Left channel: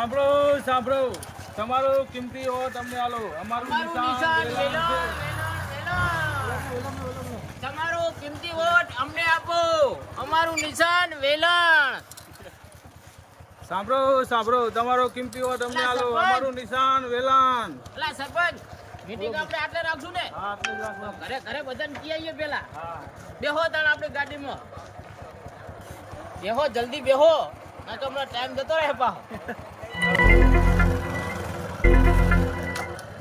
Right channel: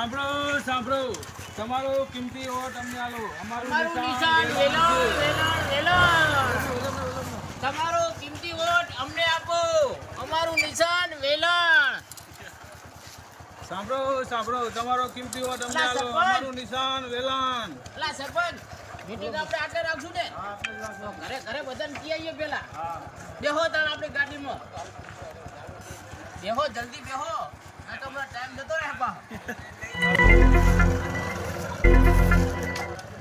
સાંભળો સાંભળો, તમારો કિંમતી વોટ અમને આલો. અમારું નિશાન વેલણ છે. તમારો કિંમતી વોટ અમને આપો. અમારું નિશાન વેલણ. સાંભળો સાંભળો, તમારો કિંમતી વોટ અમને આલો. અમારું નિશાન વેલણ. અલા સરપંચ, મીટિંગ આપણે આટલે રાખશું ને? હા, આપણે જ રાખો. ઘરે ઘરે બધાને કી આવીએ પેલા. હા. બેહો તાણ આપણી ગાડીમાં. બેહો જલ્દી બેહો. આ તો હમણાં ટાઈમ જતો રહે પાછો.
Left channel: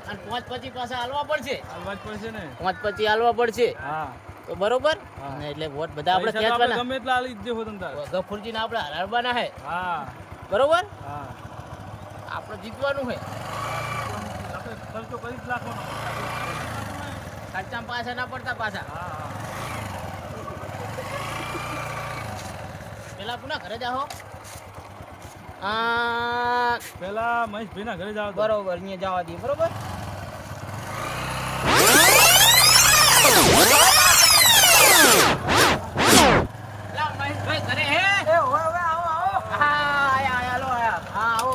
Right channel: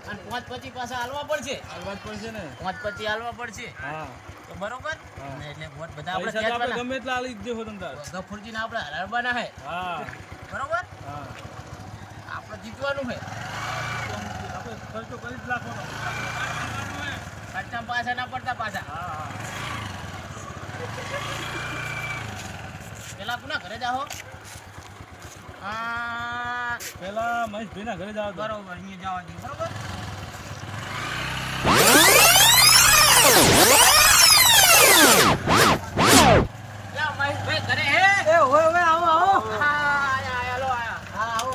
અને 5 પછી પાછા હાલવા પડશે. હાલવા જ પડશે ને. 5 પછી હાલવા પડશે. હા. તો બરોબર. હા. એટલે વોટ બધા આપણે પૈસા તો આપણે ખેંચવાના. ગમે એટલા આલી જ દેવો તમ તાર. ગફુરજીને આપણે હરાવવાના હે. હા. બરોબર. હા. આપણે જીતવાનું હે. આપણે ખર્ચો કરી જ નાખવાનો. ખર્ચા પાછા ના પડતા પાછા. હા. પેલા કોના ઘરે જાઓ? પેલા મહેશભાઈ ના ઘરે જાવ. બરોબર, અહીંયા જવા દઈએ. બરોબર. લા, મહેશભાઈ ઘરે હે? હા, આવો.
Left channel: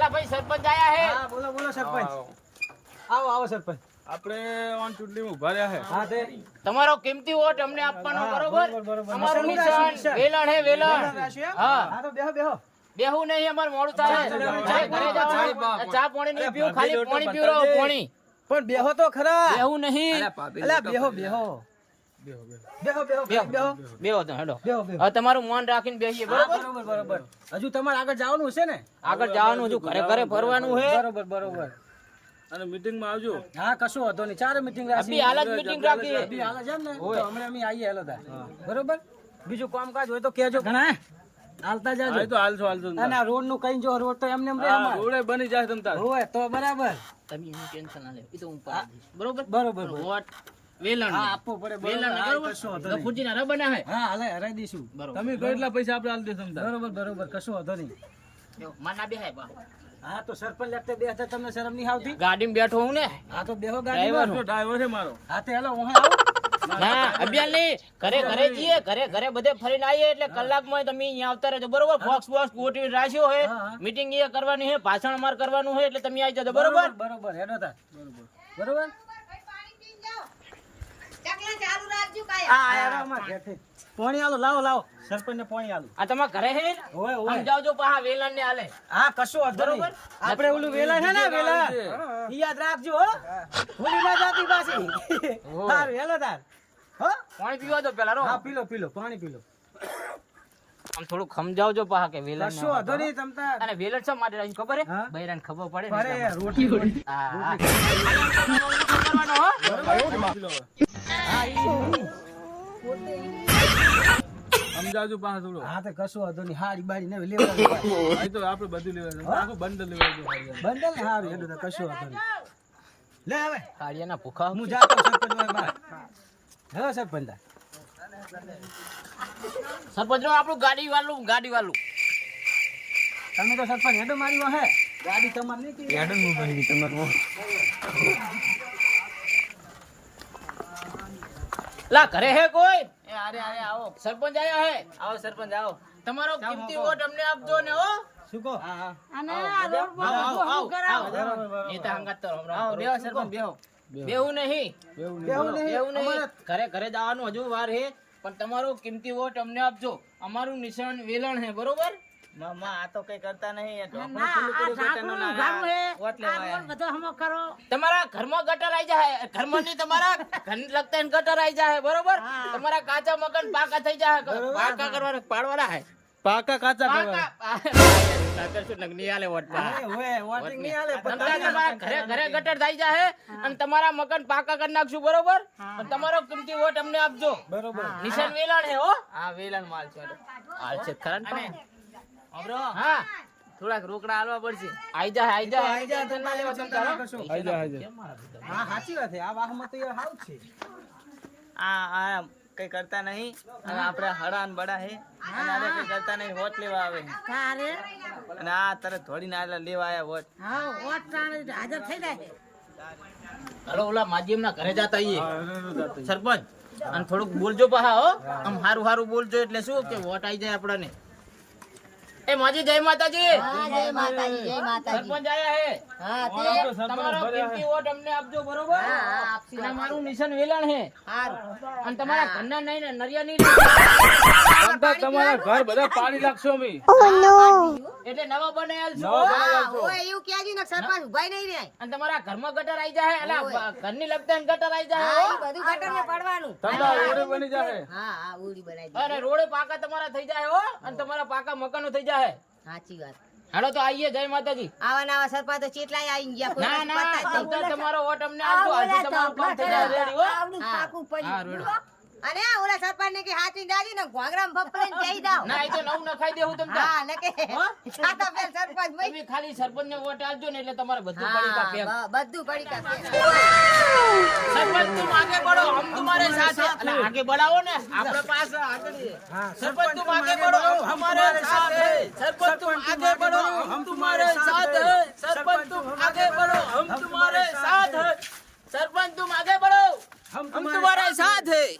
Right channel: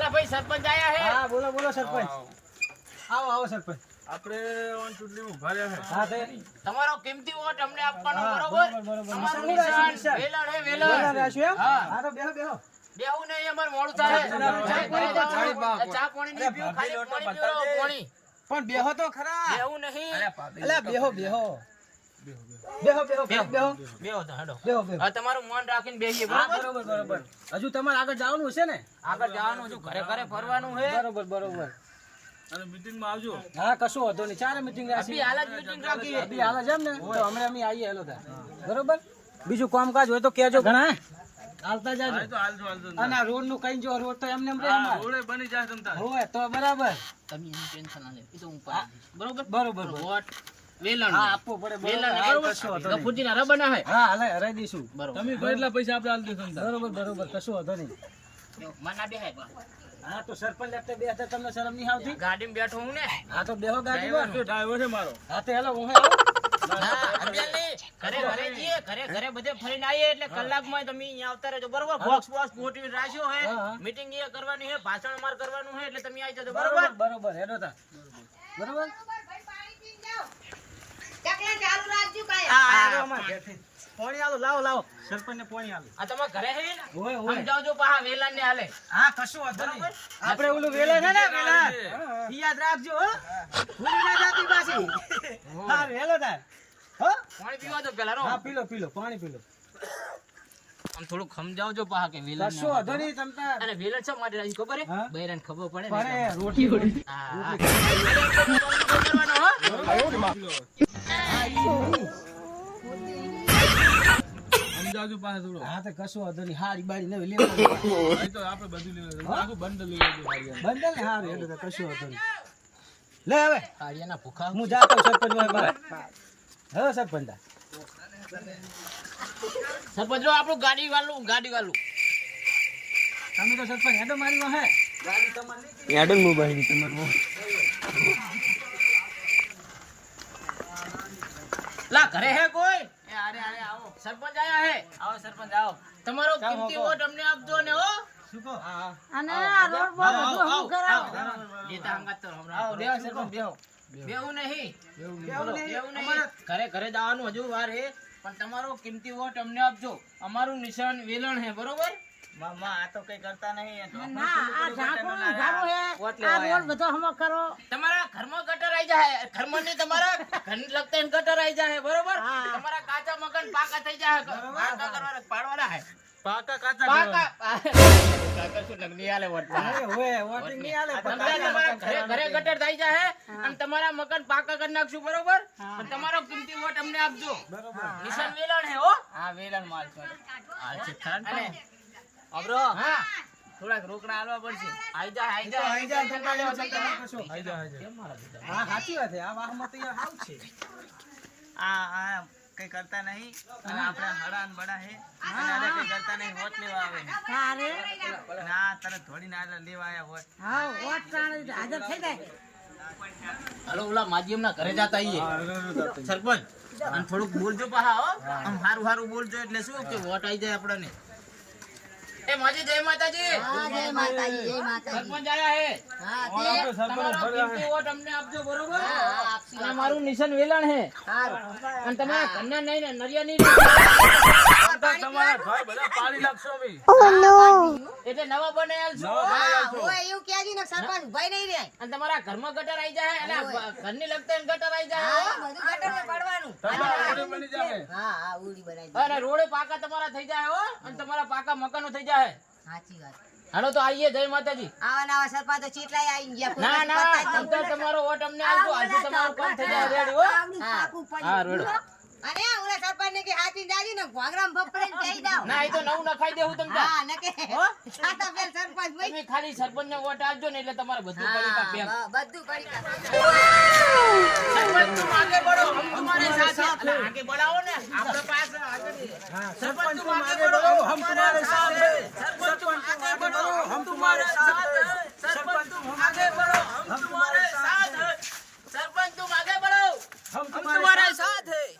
લા, ભાઈ સરપંચ આયા હે? બોલો સરપંચ. આવો સરપંચ. આપણે ઓન ચૂંટણીમાં ઉભા રહ્યા છે. હા તે તમારો કિંમતી વોટ અમને આપવાનો. બરોબર. બરોબર. અમારું શું નિશાન રાખ્યું? વેલણ હે, વેલણ. રાખ્યું એમ? હા. હા તો બેહો. બેહું નહીં, અમારે મોડું થાય. ચા ચા પાણી નહીં પીવું, ખાલી પાણી પીવડાવો, પાણી. પણ બેહો તો ખરા. બેહું નહીં. અલા બેહો. બેહો તો હેડો. બેહો. હવે તમારું મન રાખીને બેસીએ. હા, બરોબર. બરોબર. હજુ તમારે આગળ જવાનું છે ને? આગળ જવાનું હજુ ઘરે ઘરે ફરવાનું છે. બરોબર. અને મીટિંગમાં આવજો. હા કશું વાંધો નહીં. 4 મીટિંગ રાખી. અભી હાલ જ meeting રાખી. અભી હાલ જ એમ ને? તો હમણાં અમે આવીએ હેલો તાર. બરોબર. બીજું કામકાજ હોય તો કહેજો ઘણા. હાલતા જાજો. હા, એ તો હાલજો. અને આ રોડ નું કઈ જો રોડ તો એમને એમ રહે અમાર. રોડે બની જાય તમ તાર. હોય તો બરાબર. તમે એનું ટેન્શન ના લે, એ તો હું પાડી દઈશ. બરોબર. બરોબર. વોટ વેલણ. હા આપવું પડે. વેલણ બરોબર. બરોબર. કશું વાંધો નહીં. ગફુરજીના રબના હે. હા હાલે હરાઈ દઈશું. બરોબર. તમે કોઈ એટલા પૈસા આપણે આલી દેશો તમ તાર. બરોબર. કશું વાંધો નહીં. માના બેહાય બા. હા તો સરપંચ લગતે બે હતા તમને શરમ નહીં આવતી? ગાડીમાં બેઠો હું ને. હા તો બેહો ગાડીમાં. જો ડ્રાઈવર છે મારો. હા તો હેલો હું આવો. ના, અભિયાન નહીં. ઘરે ઘરે જઈએ, ઘરે બધે ફરીને આવીએ એટલે કલાકમાં તમે અહીંયા આવતા રહેજો. બરોબર. બોક્સ ગોઠવી રાખ્યો હે. હા. મીટિંગ એ કરવાની છે, ભાષણ અમાર કરવાનું છે, એટલે તમે આવી જજો. બરોબર. બરોબર હેડો તા. બરોબર. આ અમાર ઘેરથી. પોણી આલો લાવો. સરપંચ ને પોણી આલો. આ તમારા ઘરે છે ને? હોય. સમજાવજો પાહા વેલણ ને હાલે. હા કશું વાંધો નહીં. આપણે ઓલું વેલા છે ને વેલા. ઈ યાદ રાખજો હો. ભૂલી ના જાતી પાછી. હારું હેલો તાર. હો? પાણી પીવા દો પેલા રો. હા પીલો પાણી પીલો. આમ થોડું સમજાવજો પાહા કે વેલણ કશું વાંધો નહીં તમ તાર. અને વેલણ છે માટે રાજી ખબર હે? હા? બૈરાને ખબર પડે ને. અરે રોટી. હા. સમજાવજો પાછા થોડો. હા તો કશું વાંધો નહીં. હારી બારી ને લેવા. એ તો આપણે બધું લેવા આખું બંડલ લેવા બંધલ ને હારું હેડો તાર કશું વાંધો નહીં. લે હવે કાળિયાના ભૂખા હું જાતો સરપંચ હોય બાર. હવે સરપંચ તાર. સરપંચ આપણું ગાડી વાળું તમે તો સરપંચ હેડો મારી હે. ગાડી તમાર નહીં કે હેડન મોબાઈલ તમારો. લા ઘરે હે કોઈ? એ આરે આવો. સરપંચ આયા હે. આવો સરપંચ આવો. તમારો કિંમતી વોટ અમને આપજો ને હો. શું કહો? હા. નેતા હંગાત તો હમણાં. આવો બેહો સરપંચ બેહો. બેહું નહીં. ઘરે જવાનું હજુ વાર હે, પણ તમારો કિંમતી વોટ અમને આપજો. અમારું નિશાન વેલણ હે. બરોબર. મામા આ તો કઈ કરતા નહીં. તમારા ઘરમાં ગટર આવી જાય. ઘરમાં નહીં, તમારા ઘર લગતા ગટર આવી જાય. બરોબર. તમારા કાચા મકાન પાકા થઈ જાય. પાકા કરવાના પાડવાના હે. પાકા કાચા પાકા કરશું નગની આલે વોટ પા. હોય વોટિંગ નહીં આલે તમારા ઘરે ગટર થઈ જાય અને તમારા મકાન પાકા કરી નાખશું. બરોબર. અને તમારો કિંમતી વોટ અમને આપજો. બરોબર. નિશાન વેલણ હે હો. હા વેલણ માલ છે. હાલ છે ખરા ને આપરો. હા, થોડાક રોકડા આલવા પડશે. આઈ જા ધંધા લેવા ધંધા લેવા. આઈ જા. કેમ મારા બધા? હા સાચી વાત છે. આ વાહમાં તો યાર હાવ છે. આ કઈ કરતા નહીં. આપણે હડાન બડા હે અને કઈ કરતા નહીં. વોટ લેવા આવે અને આ તરત ધોડીને આગળ લેવા આવ્યા વોટ. હાલો ઓલા માધ્યમના ઘરે જાતા આઈએ. સરપંચ અને થોડુંક બોલજો પાહા હો. આમ હારું બોલજો એટલે શું કે વોટ આઈ જાય આપણને. એ માજી જય માતાજી. જય માતાજી જય માતાજી સરપંચ આયા હે. હા और आपको सरपंच તમારો भरे કિંમતી વોટ અમને આપજો બરોબર. આપશું અને મારું નિશાન વેલણ હે. હારું અને તમારા ઘરના નહીં ને નરિયા નહીં તમારા ઘર બધા પાડી લાગશો અમે. એટલે નવા બનાયેલ છો. હા ઓય એવું કહેજો ને સરપંચ ઉભાઈ નહીં રે અને તમારા ઘરમાં ગટર આવી જાય એટલે ઘરની લગતા એને ગટર આવી જાય હો. બધું ગટર ને પડવાનું તમારા ઘરે બની જાય. હા હા ઉડી બનાવી અને રોડે પાકા તમારા થઈ જાય હો. અને તમારા પાકા મકાનો થઈ જાય. સાચી વાત હાલો તો આવીએ જય માતાજી. આવા નવા સરપંચ તો ચેટલાય આવી ગયા કોઈ ના ના પતા જ નહીં. તમતાર તમારો વોટ અમને આપજો. આજે તમારું કામ થઈ જાય રેડી હો. હા. હા રેડી. અને આ ઓલા સરપંચ ને કે હાચી દાજી ને ઘોંઘરામ ભપરાઈને કહી દાવ ના એ તો નવું નખાઈ દેવું તમતાર. હા નકે હો? સાતા પેલ સરપંચ ભાઈ તમે ખાલી સરપંચ ને વોટ આપજો ને એટલે તમારે બધું કરી કા પેક. બધું કરી કા સરપંચ तुम आगे बढ़ो हम तुम्हारे साथ हैं. अला, आगे बढ़ाओ ने આપણે पास आगे सरपंच तुम आगे बढ़ो हम तुम्हारे साथ हैं. सरपंच तुम आगे बढ़ो हम तुम्हारे साथ हैं. सरपंच तुम आगे बढ़ो हम तुम्हारे साथ हैं. सरपंच तुम आगे बढ़ो हम तुम्हारे साथ हैं.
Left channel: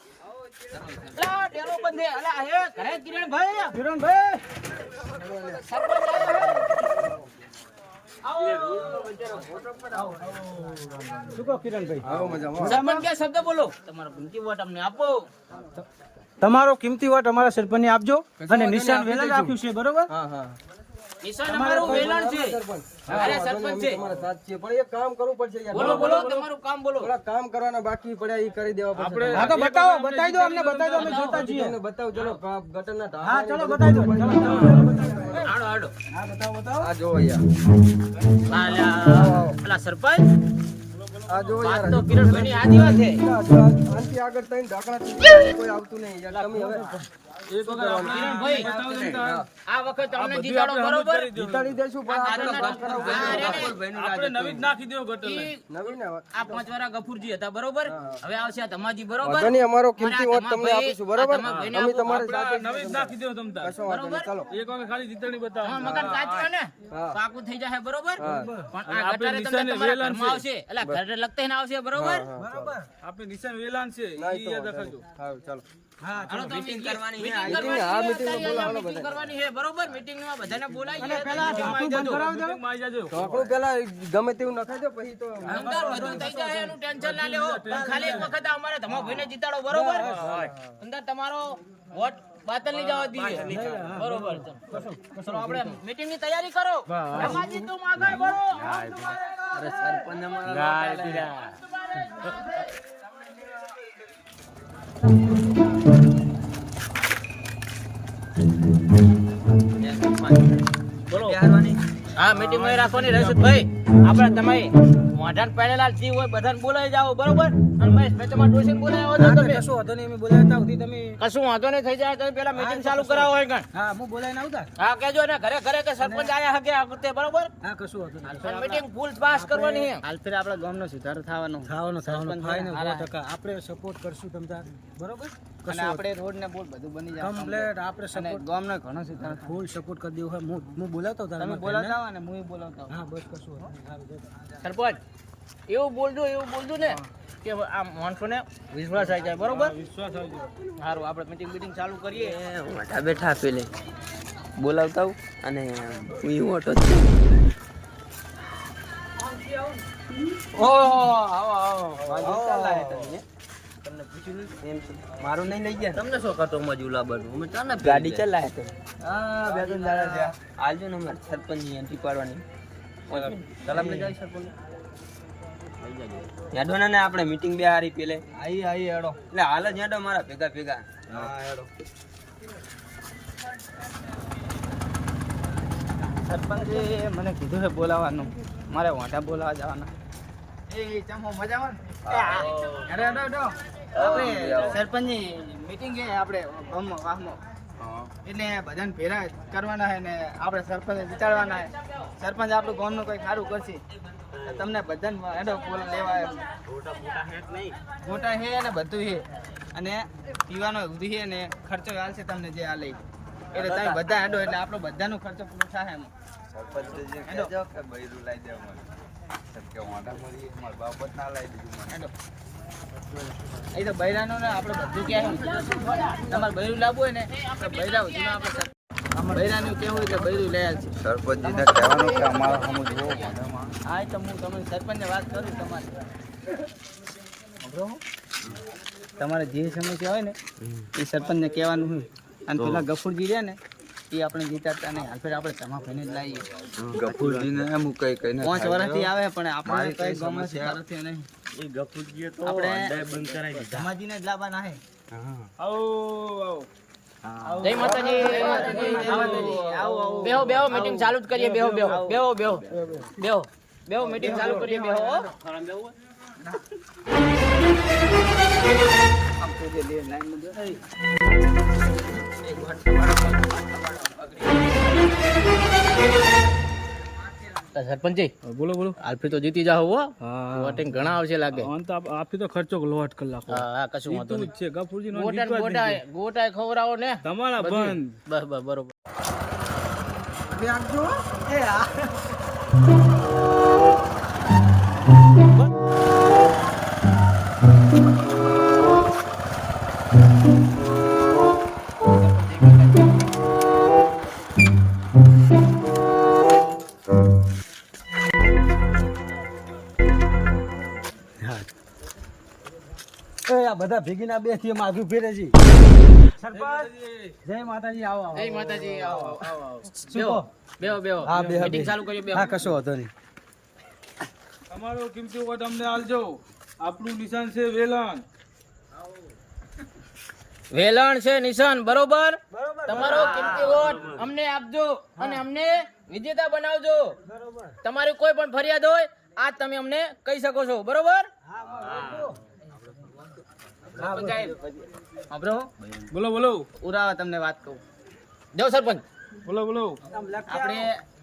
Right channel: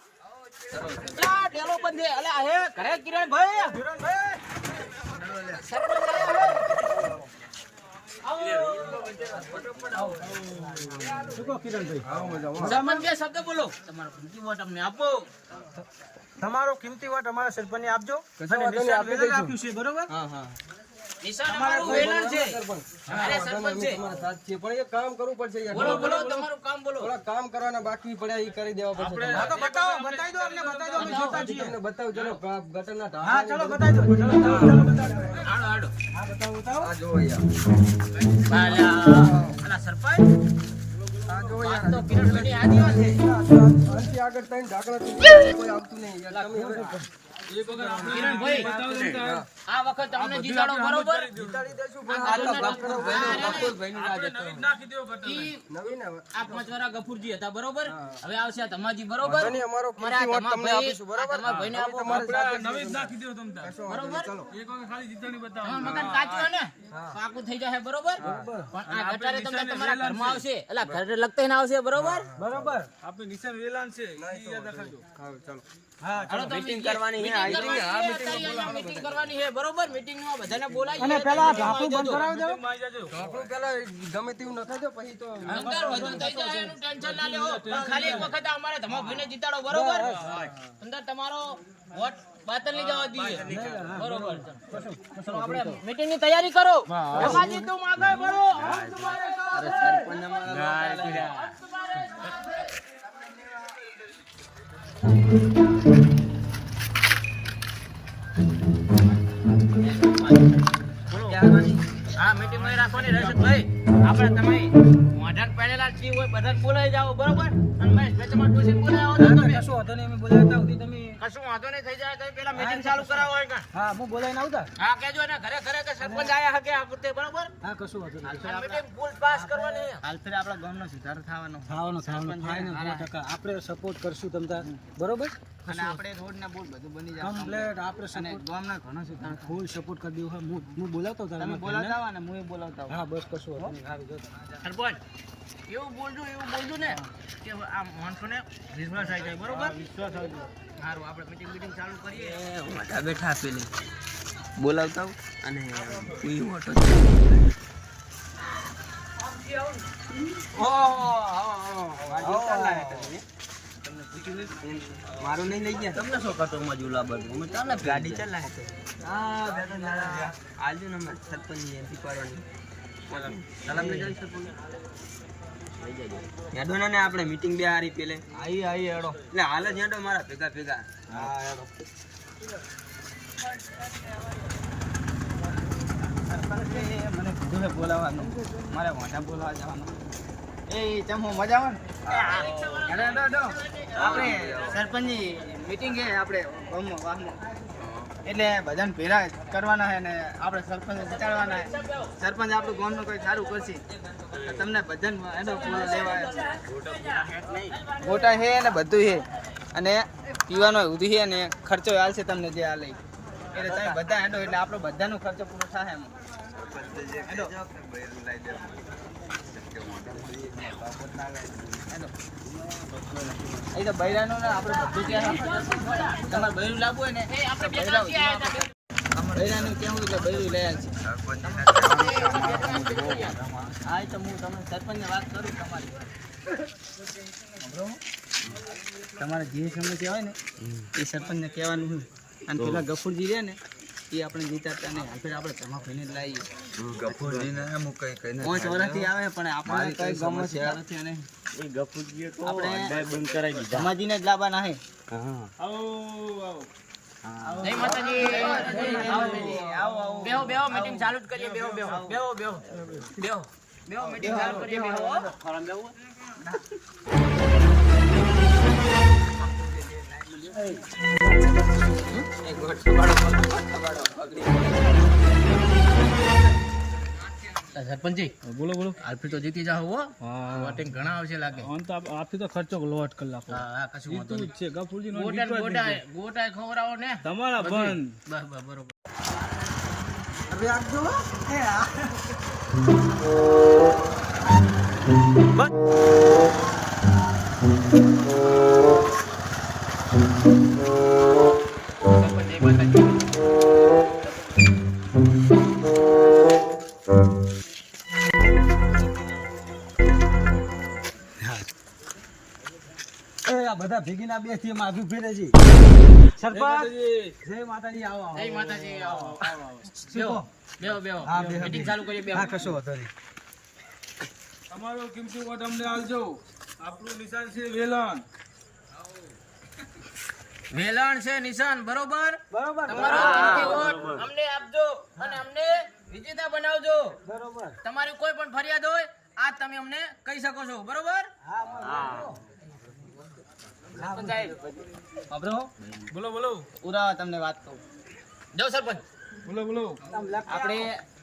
લા ઢેલો બંધે અલા હે ઘરે કિરણભાઈ સરપંચ શું કહો કિરણભાઈ? સરપંચ બે શબ્દ બોલો. તમારો કિંમતી વોટ અમને આપો. તમારો કિંમતી વોટ અમારા સરપંચને આપજો અને નિશાન વેલણ રાખ્યું છે બરોબર. નિશાન અમારું વેલણ છે. અરે સરપંચ છે. પણ એક કામ કરવું પડશે યાર. બોલો બોલો તમારું કામ બોલો. થોડા કામ કરવાના બાકી પડ્યા એ કરી દેવા પડશે. હા તો બતાવો બતાવી દો અમને બતાવી દો અમે જોતા છીએ. તમને બતાવું ચલો ગટરના ઢાંકણા હા ચલો બતાવી દો ચલો હાડો હાડો. હા બતાવો બતાવો. આ જોવો યાર. અલા સરપંચ આ જોવો વાત યાર. તો કિરણભાઈની આદી વાત છે. આનથી આગળ ત્રણ ઢાંકણા થી કોઈ આવતું નહીં યાર. તમે હવે કિરણભાઈ આ વખત અમને જીતાડો બરોબર. જીતાડી દેશું આ પણ ગટરના નવી જ નાખી દો ગટર. નવીન આવે. આ 5 વાળા ગફુરજી હતા બરોબર. હવે આવશે આ ધમાજી બરોબર. ધની અમારો કિંમતી વોટ અમારા તમને આપીશું બરોબર. તમારા ભાઈને અમે આપો. તમારી સાથે નવી જ નાખી દો તમ તાર. બરોબર. એક વખત ખાલી જીતણી બતાવો. હા, મકાન કાચું ને પાકું થઈ જાય બરોબર. પણ આ ગટારે તમને તમારા ઘરમાં આવશે એટલે ઘરે લગતા ના આવશે બરોબર. આપણે નિશાન વેલાન છે ઈ યાદ રાખજો. હા ચાલો. હાલો તો મીટિંગ કરવાની છે. મીટિંગ કરવાની છે બરોબર. મીટિંગમાં બધાને બોલાવીએ. અને પેલા ભાપુ બંધ કરાવી દો. માં આવી જાજો. ઢાંકણું પેલા ગમે તેવું નખાઈ દો પછી તો અંદર વધુ થઈ જાય એનું ટેન્શન ના લેવો. પણ ખાલી એક વખત અમારે તમારા ભાઈને જીતાડો બરોબર. અંદર તમારો વોટ બાતલ નહીં જવા દઈએ બરોબર. ચલો આપણે મીટિંગ ની તૈયારી કરો. હાજી તુમ આગળ बढ़ो. અરે સરપંચ અમારા હા મીટિંગ માં રાખવાની રહેશે ભાઈ. આપણે તમે મોઢાન પડેલા જે હોય બધાને બોલાવી જાઓ બરોબર. અને મહેશભાઈ તમારા ડોશીને બોલાવો તો તમે કશું વાંધો નહીં અમે બોલાવતા સુધી તમે કશું વાંધો નહીં થઈ જાય તો પેલા મીટિંગ ચાલુ કરાવો હોય કણ. હા હું બોલાવીને આવતા. હા કહેજો ને ઘરે ઘરે કે સરપંચ આયા હકે આ વખતે બરોબર. હા કશું વાંધો નહીં. મીટિંગ ફૂલ પાસ કરવાની છે. હાલ તો આપણા ગામનો સુધારો થવાનો થવાનો ફાઇનલ 100% આપણે સપોર્ટ કરશું તમને બરોબર. અને આપણે રોડ ને બોલ બધું બની જાય કમ્પ્લેટ આપણે અને સપોર્ટ ગામનો ઘણો સુધારો ફૂલ સપોર્ટ કરી દેવું હોય. હું બોલાવતો તમે તારા બોલાવતા હોય ને હું એ બોલાવતા હોય હા બસ કશું વાંધો નહીં. આવી જતો. સરપંચ એવું બોલજો ને કે આ માણસોને વિશ્વાસ આવી જાય બરોબર. વિશ્વાસ આવી ગયો. સારું આપણે મીટિંગ ચાલુ કરીએ. મોટા બેઠા પેલે બોલાવતા હું અને હું ઓટો મારું નહીં લઈ ગયા. તમને શું કટો માં જુલા બધું અમે તને ગાડી ચલાય તો હા બે ત્રણ દાડા થયા. આલજો ને અમે સરપંચ ની એન્ટ્રી પાડવાની સલામ લઈ જાય સરપંચ લઈ જાજો યાદો ને આપણે મીટિંગ બે હારી પેલે આઈ હેડો. એટલે હાલ જ યાદો મારા ભેગા ભેગા હા હેડો. સરપંચે મને કીધું છે બોલાવવાનું મારે વાંઢા બોલાવવા જવાના એ ચમો મજા આવે ને આપણે સરપંચની મીટિંગ છે આપણે ગામમાં વાહમાં એટલે બધાને ભેરા કરવાના છે ને આપણે સરપંચ જીતાડવાના છે. સરપંચ આપણું ગામનું કોઈ સારું કરશે તો તમને બધાને એનો બોલ લેવા ગોટા છે ને બધું છે અને પીવાનો ઉધી છે ને ખર્ચો હાલશે તમને જે આ લઈ એટલે તમે બધા હેડો એટલે આપણો બધાનો ખર્ચો પૂરો થાય એમાં હેડો હેડો એ તો બૈરાનો ને આપણે બધું ક્યાં તમારે બૈરું લાવવું હોય ને તો બૈરા સુધીમાં આપણે બૈરાનું કેવું એટલે બૈરું લઈ આવશે. સરપંચને કહેવાનું કે અમારા સામે જુઓ વાંધામાં. હા એ તો હું તમે સરપંચને વાત કરું તમારી. સાંભળો? તમારે જે સમસ્યા હોય ને એ સરપંચને કહેવાનું હોય. અને પેલા ગફુરજી રહ્યા ને એ આપણે જીતાડતા નહીં. હાલ ફેર આપણે તમા ભાઈને જ લાવીએ. ગફુરજીને એમ કઈ કઈ 5 વર્ષથી આવે પણ આપણે કઈ ગામમાં નથી નહીં. એ ગફુરજીએ તો આપણે અડ્ડાય બંધ કરાવી દીધા. ધમાજીને જ લાવવાના હે. આવો જય માતાજી, જય માતાજી, જય માતાજી. આવો આવો. બેહો બેહો મીટિંગ ચાલુ જ કરીએ. બેહો બેહો બેહો બેહો બેહો બેહો મીટિંગ ચાલુ કરીએ. બેહો. સરપંચજી બોલો બોલો. આલ્ફી તો જીતી જાઓ હો. હા વોટિંગ ઘણા આવશે લાગે. આપી તો ખર્ચો લોટ કલાકો હા કશું વાંધો જીતું જ છે ગફુરજી નો નહીં. ગોટા ખવડાવો ને તમારા બંધ. બસ બસ બરોબર. આ બધા ભેગીના બે થી માથું ફેરે છે. સરપંચ જય માતાજી. આવો આવો. જય માતાજી. આવો આવો આવો. બેહો. બેહો બેહો હા, બેહો, મીટિંગ બેહો. ચાલુ કરીએ. બેહો. હા કશો વાંધો નહીં. તમારો કિંમતી વોટ અમને આલજો. આપણું નિશાન છે વેલણ. વેલણ છે નિશાન બરોબર. બરોબર. તમારો કિંમતી વોટ અમને આપજો અને અમને વિજેતા બનાવજો. બરોબર. તમારી કોઈ પણ ફરિયાદ હોય આજ તમે અમને કહી શકો છો. બરોબર. સાંભળો બોલો બોલો ઉરાવા તમને વાત કહું. જાઓ સરપંચ. બોલો બોલો. આપણે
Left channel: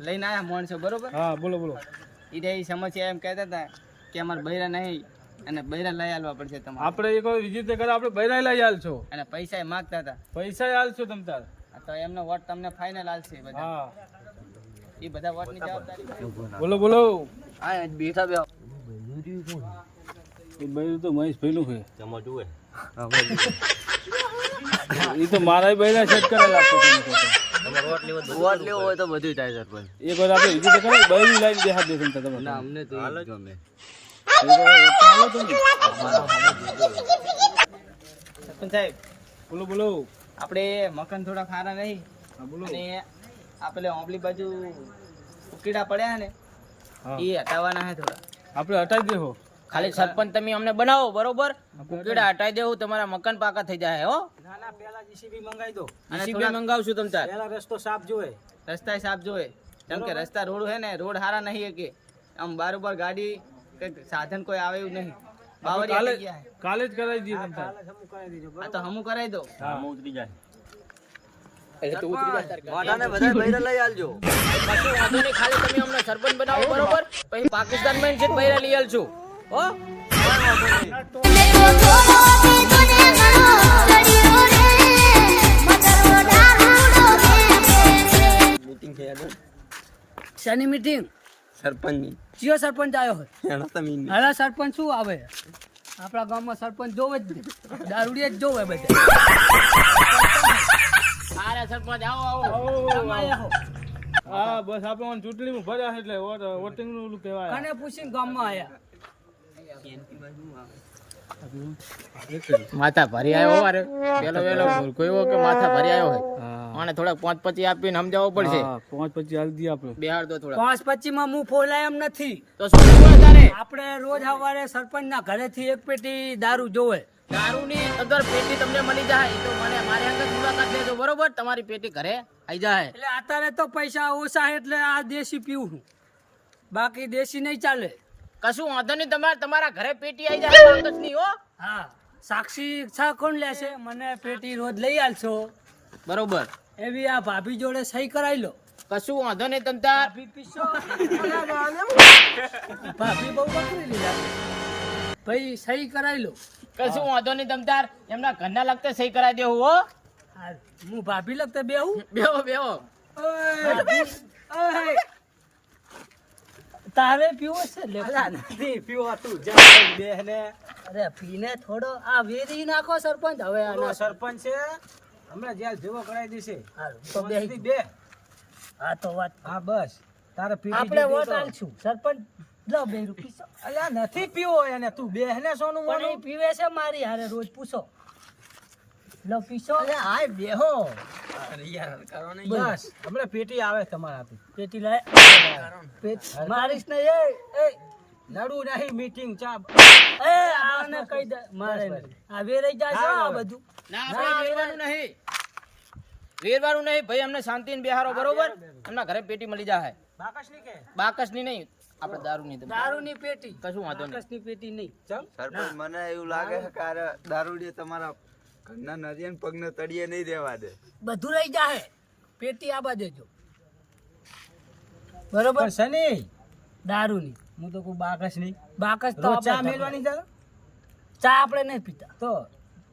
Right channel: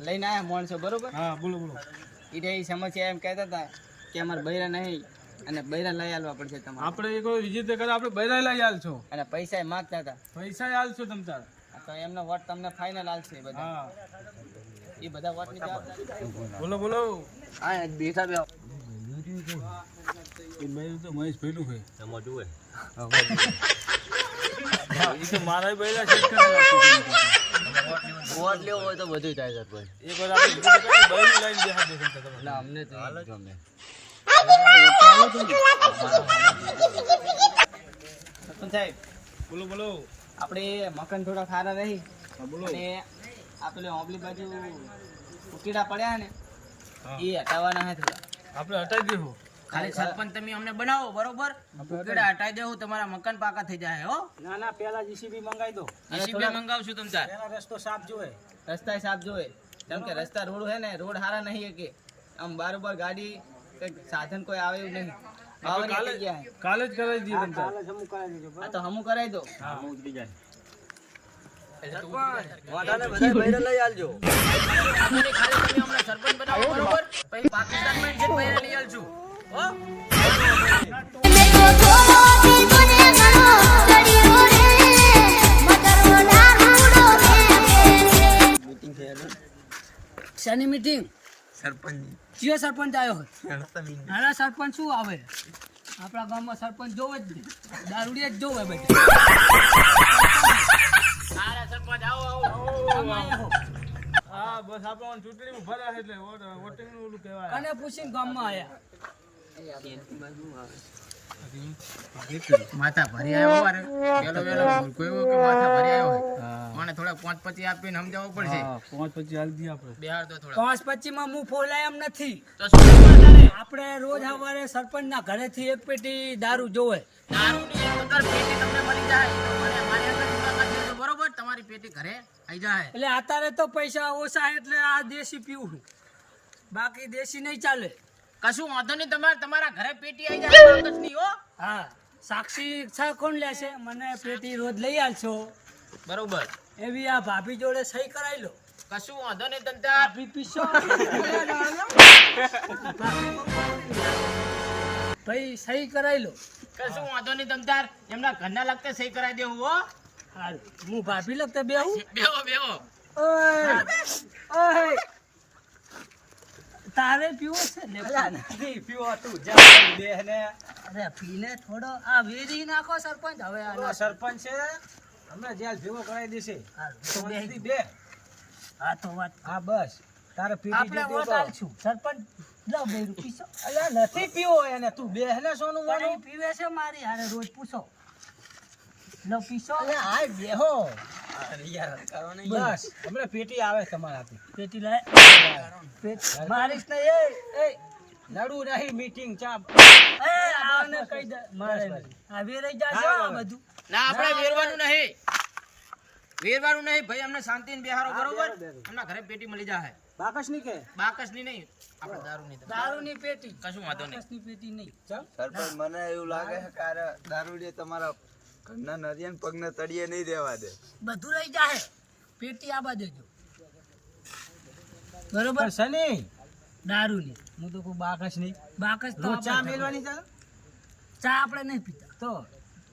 લઈને આવ્યા માણસો બરોબર. હા બોલો બોલો. એ સમસ્યા એમ કહેતા હતા કે અમારે બૈરા નહીં અને બૈરા લઈ આવવા પડશે તમારે. આપણે એક વાર વિજિત કરે આપણે બૈરા લઈ આલશો. અને પૈસા માંગતા હતા. પૈસા આલશો તમ તાર. તો એમનો વોટ તમને ફાઇનલ આલશે બધા. હા એ બધા વોટની જવાબદારી. બોલો બોલો. હા બેઠા બે એ બૈરું તો મહેશ ભઈલું છે. એ તો મારા બૈરા સેટ કરેલા છે. વોટ લેવો હોય તો બધું થાય સરપંચ. એક વાર આપણે વિજિત કરે બૈરું લાઈન દેખા દે તમ તાર. ના અમને તો એ જ ગમે. સરપંચ સાહેબ બોલો બોલો. આપણે મકાન થોડા ખારા નહીં હા બોલો. અને આ પેલે ઓબલી બાજુ ઉકીડા પડ્યા ને હા. એ હટાવવાના હે થોડા. આપણે હટાવી દેહો. ખાલી સરપંચ તમે અમને બનાવો બરોબર. ઉકેડા હટાઈ દેવું તમારા મકાન પાકા થઈ જાય હો. ના ના પેલા જીસીબી મંગાવી દો. અને જીસીબી થોડા મંગાવશું તમ તાર. પેલા રસ્તો સાફ જોવે. રસ્તા સાફ જોવે. કેમ કે રસ્તા રોડ હે ને રોડ હારા નહીં કે આમ બારોબાર ગાડી કંઈક સાધન કોઈ આવે એવું નહીં. બાવરિયા થઈ ગયા હે. કાલે જ કરાવી દઈએ તમ તાર. જમુ કરાવી દેજો. આ તો હમું કરાવી દો. વાટાને બધા બૈરા લઈ આલજો. ખાલી તમે અમને સરપંચ બનાવો બરોબર. પછી પાકિસ્તાનમાં જે પૈસા લઈ આલશું હો. મીટિંગ છે યાર શેની મીટિંગ? સરપંચની. કયો સરપંચ આવ્યો હોય? એના તો મીન. હાલા સરપંચ શું આવે? આપણા ગામમાં સરપંચ જોવે જ નહીં. દારૂડિયા જ જોવે બધા. સારા સરપંચ આવો આવો. તમે આયા હો. હા બસ આપણે ચૂંટણીમાં ભર્યા છે એટલે વોટિંગ નું ઓલું કહેવાય. કને પૂછીને ગામમાં આયા. માથા ભરી આવ્યો અરે પેલો વેલો કોઈ કે માથા ભરી આવ્યો અને થોડાક 5-25 આપીને સમજાવવો પડશે. હા 5-25 આલી દઈએ આપણે. બિહાર દો થોડા. 5-25 માં હું ફોલાય એમ નથી. તો શું કરવાના? આપણે રોજ સવારે સરપંચના ઘરેથી એક પેટી દારૂ જોવે. દારૂની અંદર પેટી તમને મળી જાય તો મને મારે આગળ મુલાકાત લેજો બરોબર. તમારી પેટી ઘરે આવી જાય. એટલે અત્યારે તો પૈસા ઓછા એટલે આ દેશી પીવું છું. બાકી દેશી નહીં ચાલે. કશું વાંધો નહીં. તમારા ઘરે પેટી આવી જાય વાંધો જ નહીં હો. હા સાક્ષી છા કોણ લેશે? મને પેટી રોજ લઈ આલશો બરોબર. એવી આ ભાભી જોડે સહી કરાવી લો. કશું વાંધો નહીં. તમ તાર ભાભી પીશો. ભાભી બહુ નથી. ભાઈ સહી કરાવી લો. કશું વાંધો નહીં. તમ તાર એમના ઘરના લગતા સહી કરાવી દેવું હો. હારું. હું ભાભી લગતા બેહું. બેહો બેહો. ઓય ઓય તારે પીવો છે લે. નથી પીવો તું જા બેહને. અરે પીને થોડો આ વેરી નાખો સરપંચ. હવે આનો સરપંચ છે હમણાં જેલ ભેગો કરાવી દેશે તો બે શાંતિથી બે હા તો વાત હા બસ તારે પીટી આપણે જીતી વોટ તો. આલશું સરપંચ લો બે રૂપિયા અલ્યા નથી પીવો એને તું બે ને સોનું પણ મોનું એ પીવે છે મારી હારે રોજ પૂછો લો પીશો અલ્યા આય બેહો અરે યાર હલકારો નહીં. બસ હમણાં પેટી આવે તમારા આપી પેટી લાય પેટ મારીશ ને એ લડવું નહીં મીટિંગ ચા એ આને કહી દે મારે આ વેરાઈ જાય છે આ બધું ના આપણે વેરવાનું નહીં વેરવાનું નહીં ભાઈ અમને શાંતિને બેહારો બરોબર એમના ઘરે પેટી મળી જાય બાકસ ની કે બાકસની નહીં આપણે દારૂની તો દારૂની પેટી કશું વાંધો નહીં કસની પેટી નહીં ચમ સરપંચ મને એવું લાગે છે કે આ દારૂડિયા તમારા ઘરના નરિયન પગને તળિયે નહીં રહેવા દે. બધું રહી જાય પેટી આબા દેજો બરોબર પણ સની દારૂની હું તો કોઈ બાકસ નહીં બાકસ તો રોજ ચા આપણે મેલવાની છે ચા આપણે નહીં પીતા તો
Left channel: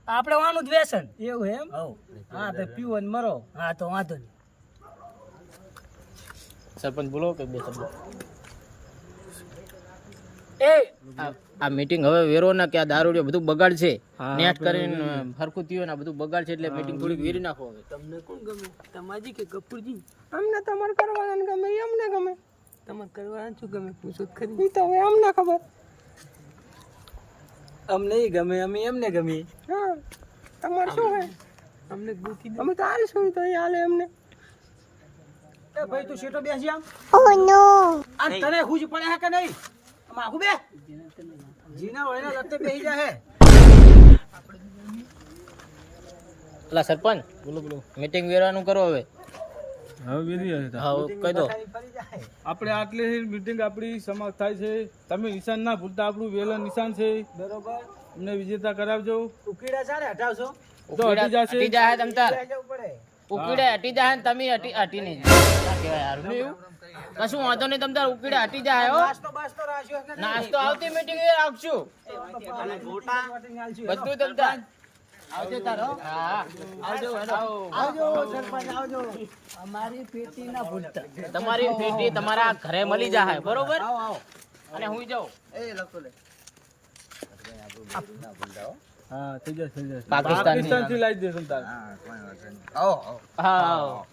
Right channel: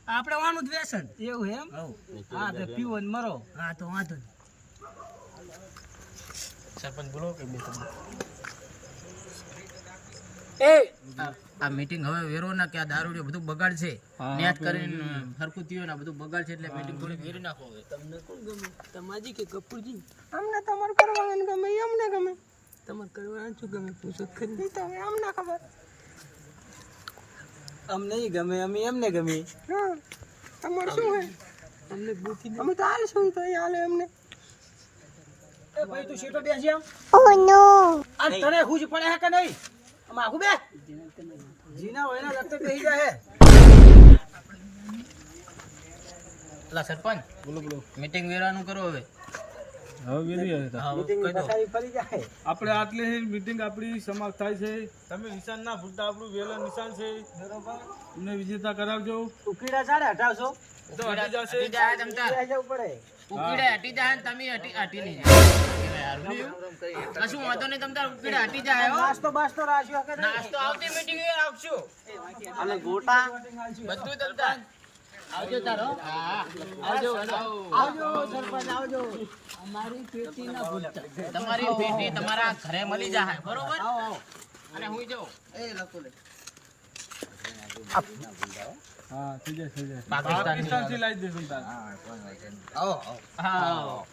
આપણે વાનું જ વ્યસન એવું એમ હવ હા તો પીવો ને મરો હા તો વાંધો નહીં સરપંચ બોલો કે બે શબ્દ આ મીટિંગ હવે વેરો ના કે આ દારૂ બધું બગાડશે નેટ કરીને હરખું થયું ને આ બધું બગાડશે એટલે મીટિંગ થોડીક વેરી નાખો હવે તમને કોણ ગમે તમાજી કે કપૂરજી? અમને તમારે કરવાનું ગમે અમને ગમે તમારે કરવાનું શું ગમે પૂછો તો ખરી. ઈ તો હવે અમને ખબર. અમને ઈ ગમે અમે એમને ગમી હા તમારે શું હે અમને ગોતી દે. અમે તો આવીશું તો એ હાલે અમને. એ ભાઈ તું સીટો બેસી આમ અને તને હુજ પડે હે કે નહીં આમ આખું બે જીના હોય ને લગતે બેસી જાય એટલે સરપંચ બોલો બોલો મીટિંગ વેરાનું કરો હવે હવે વેરી હા કહી દો ફરી જાય આપણે આટલી મીટિંગ આપણી સમાપ્ત થાય છે તમે નિશાન ના ભૂલતા આપણું વેલણ નિશાન છે બરોબર અમને વિજેતા કરાવજો ઉકીડા ચાલે હટાવશો તો હટી જશે હટી જાય તમ તાર લઈ જવું પડે ઉકીડે હટી જાય ને તમે હટી નહીં હારું નહીં એવું કશું વાંધો નહીં તમ તાર ઉકીડે હટી જાય હો નાસ્તો બાસ્તો રાખ્યો કે નહીં? નાસ્તો આવતી મીટિંગ એ રાખશું અને ગોટા વોટિંગ આલશું. બધું તમ તાર આવજો તારો હા આવજો આવજો સરપંચ આવજો અમારી પેટી ના ભૂલતા તમારી પેટી તમારા ઘરે મળી જાય બરોબર આવો આવો અને હું જાઉં હા થઈ જશે પાકિસ્તાન થી લાવી દેશું તાર હા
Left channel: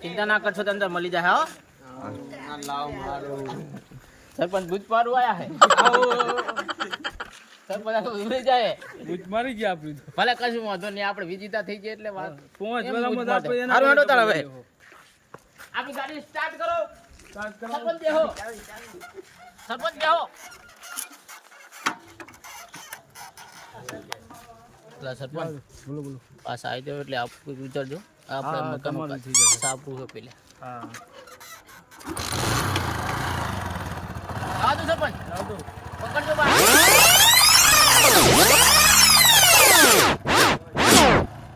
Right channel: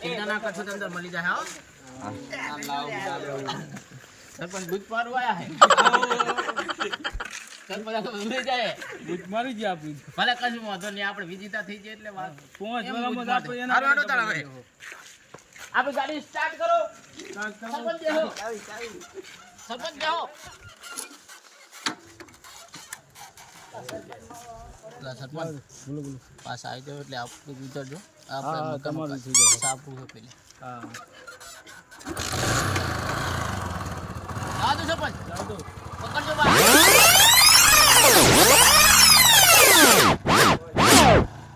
ચિંતા ના કરશો તો અંદર મળી જાય હો સરપંચ દૂધ પાડવા આયા હે સરપંચ આ તો ભૂલી જાય બુજ મારી ગયા આપણી ભલે કશું વાંધો નહીં આપણે વિજેતા થઈ જાય એટલે વાત 5 વર્ષમાં જ આપણે એના હારું હેડો તાર હવે આપણી ગાડી સ્ટાર્ટ કરો સરપંચ બેહો સરપંચ બેહો લા સરપંચ બોલો બોલો પાસ આવી જાવ એટલે આપ વિચારજો હા, તમારું થઈ જશે. સાપું છે પેલે હા આવો તો સરપંચ જાઓ તો પકડજો બા